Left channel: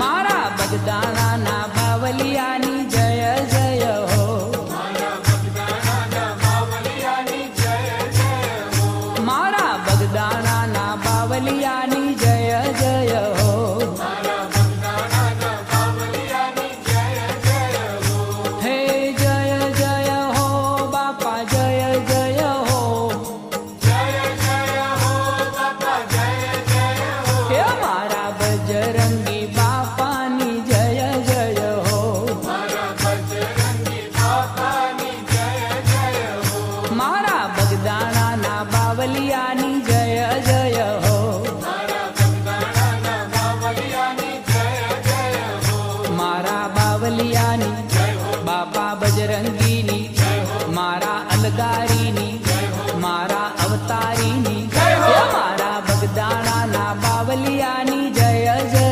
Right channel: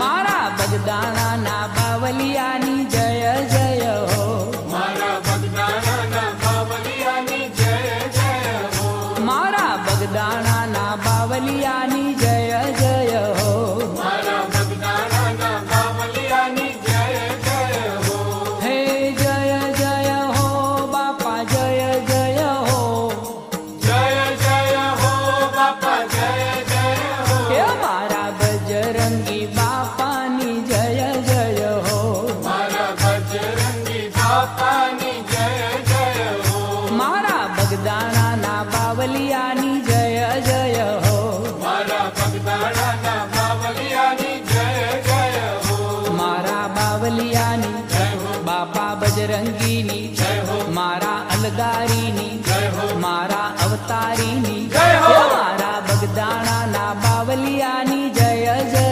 मारा बगदाना ना बावलियानी जय जय हो। मारा बगदाना ना बावलियानी जय जय हो। हे जय जय हो बापा जय जय हो। हे मारा बजरंगी बापानी जय जय हो। मारा बगदाना ना बावलियानी जय जय हो। मारा बावलियानी बापा बजरंगीनी मारा अलगारीनी मारा अवतारीनी मारा बगदाना ना बावलियानी जय जय।